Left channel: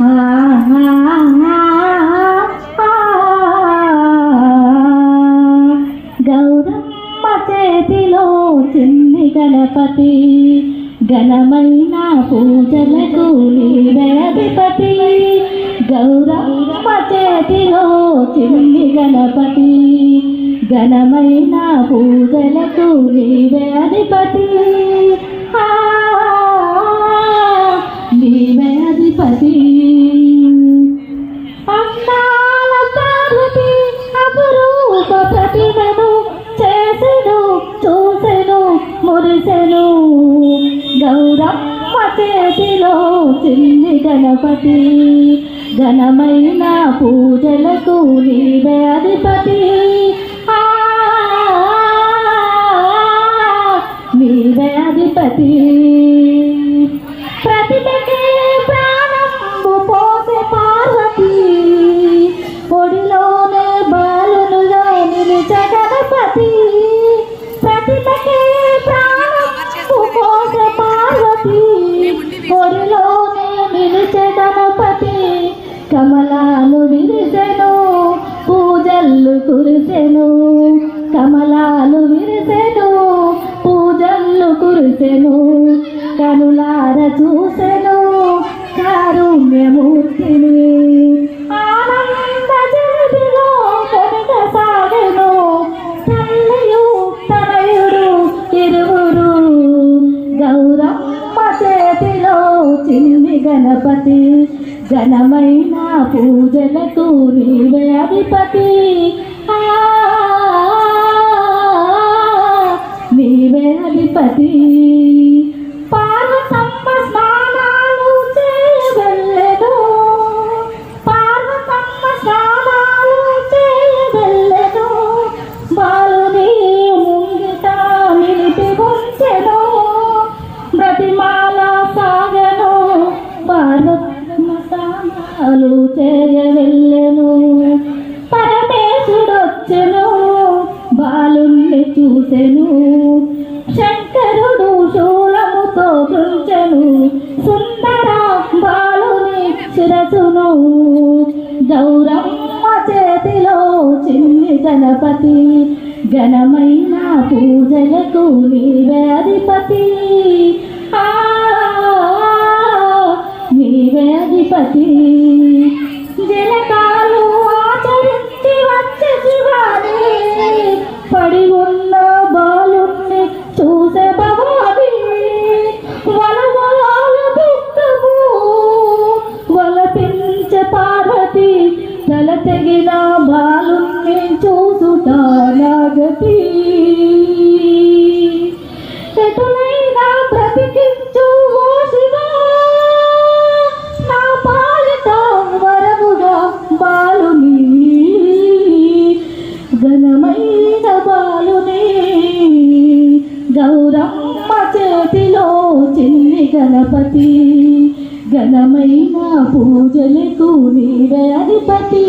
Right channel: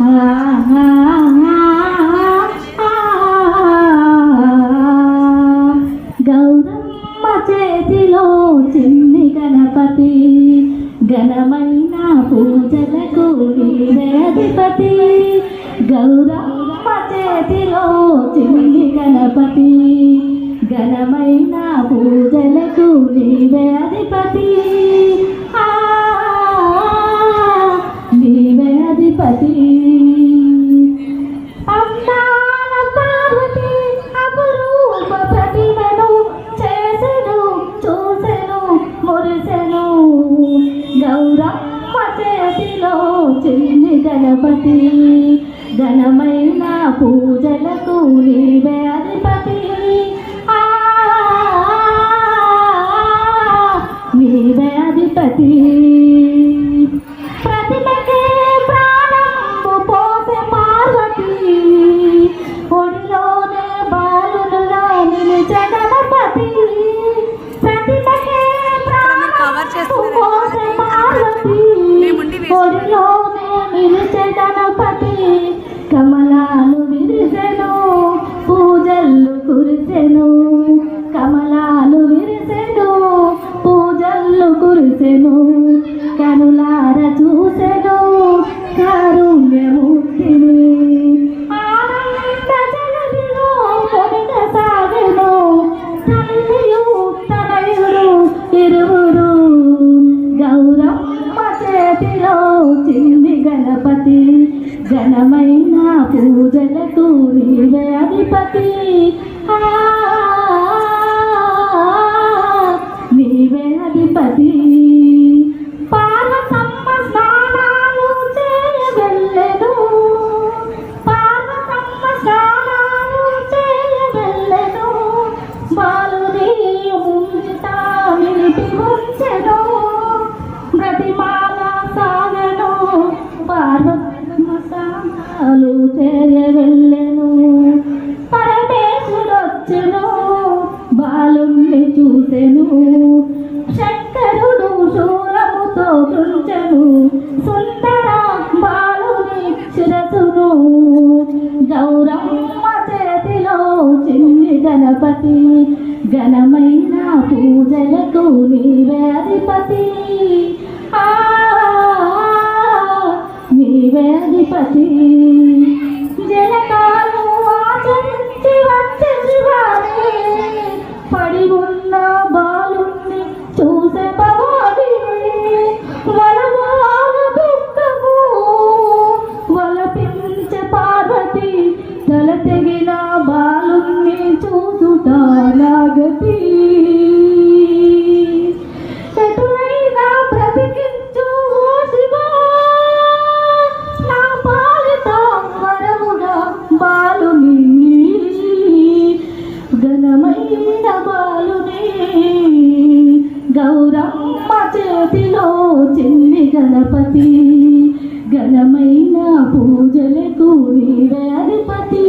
గౌరమ్మ చేతిలో చిన్ని గణపతి ఘనమైన పూజలకు నీవే అధిపతి. గౌరమ్మ చేతిలో చిన్ని గణపతి ఘనమైన పూజలకు నీవే అధిపతి. నీవే అధిపతి. అందాల పార్వతి అపురూప ప్రతిమను చేసెను చూసెను మురిసెను. గౌరమ్మ చేతిలో చిన్ని గణపతి ఘనమైన పూజలకు నీవే అధిపతి. నీవే అధిపతి. ప్రతిమకే ప్రాణము పోసే పార్వతి ఒడిలోనే బాలునుగా నిలిచే గణపతి. ప్రతిమకే ప్రాణము పోసే పార్వతి ఒడిలోనే నిలిచే గణపతి. కమలాలు విరిసెను పూజల్లు కురిసెను. కమలాలు విరిసెను పూజల్లు కురిసెను. కనులార చూసెను కారుణ్యమూర్తిని. ఆనంద జగతిలో సాగెను తల్లియు తనయుడు ఇరువురు. గౌరమ్మ చేతిలో చిన్ని గణపతి ఘనమైన పూజలకు నీవే అధిపతి. నీవే అధిపతి. పార్వతమ్మ స్నానాలు చేయవెళ్ళెను. పార్వతమ్మ స్నానాలు చేయవెళ్ళెను. బాలుని ముంగిట నిలిపి ఉంచెను. బ్రతిమాల సాగను పార్వతమ్మ స్నానాలు చేయవెళ్ళెను. పరమేశుడొచ్చెను బాలుణ్ణి చూసెను. శంకరుడు శూలముతో కృంచెను సుందర బాలుని శిరసును. గౌరమ్మ చేతిలో చిన్ని గణపతి ఘనమైన పూజలకు నీవే అధిపతి. నీవే అధిపతి. జనకాలు ఆచరించి వచ్చే శివాని పడి ఉన్న బాలుణ్ణి చూసే భవాని. వలవాల దుఃఖము వలపించే పార్వతి తల తెగిన బాలుణ్ణి చూసుట నాగతి. ఎటులైనా బ్రతికించు ఓ శివా నా పాలిత వరముగా బాలుని ఘనమైన బాలుని. గౌరమ్మ చేతిలో చిన్ని గణపతి ఘనమైన పూజలకు నీవే అధిపతి.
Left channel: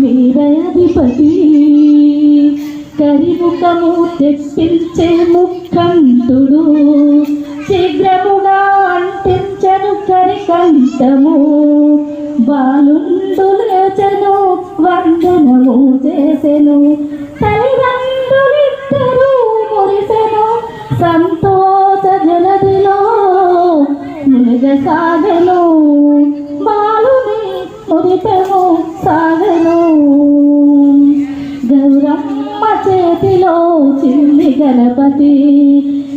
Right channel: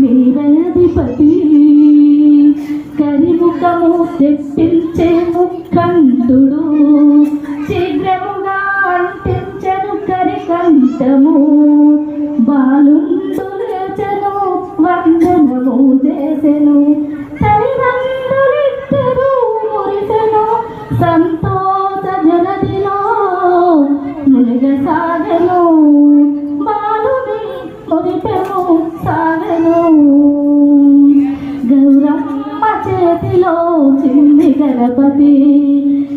నీవే అధిపతి. కరిముఖము తెప్పించే ముఖంతుడు శీఘ్రముగా అంటించను కరికంఠము. బాలుండు లేచెను వందనము చేసెను. తల్లిదండ్రులిద్దరూ మురిసెను సంతోష జలదిలో మునిగసాగెను. బాలుని మురిపెము సాగెను. గౌరమ్మ చేతిలో చిన్ని గణపతి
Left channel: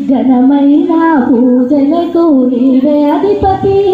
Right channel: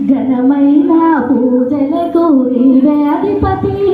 ఘనమైన పూజలకు నీవే అధిపతి.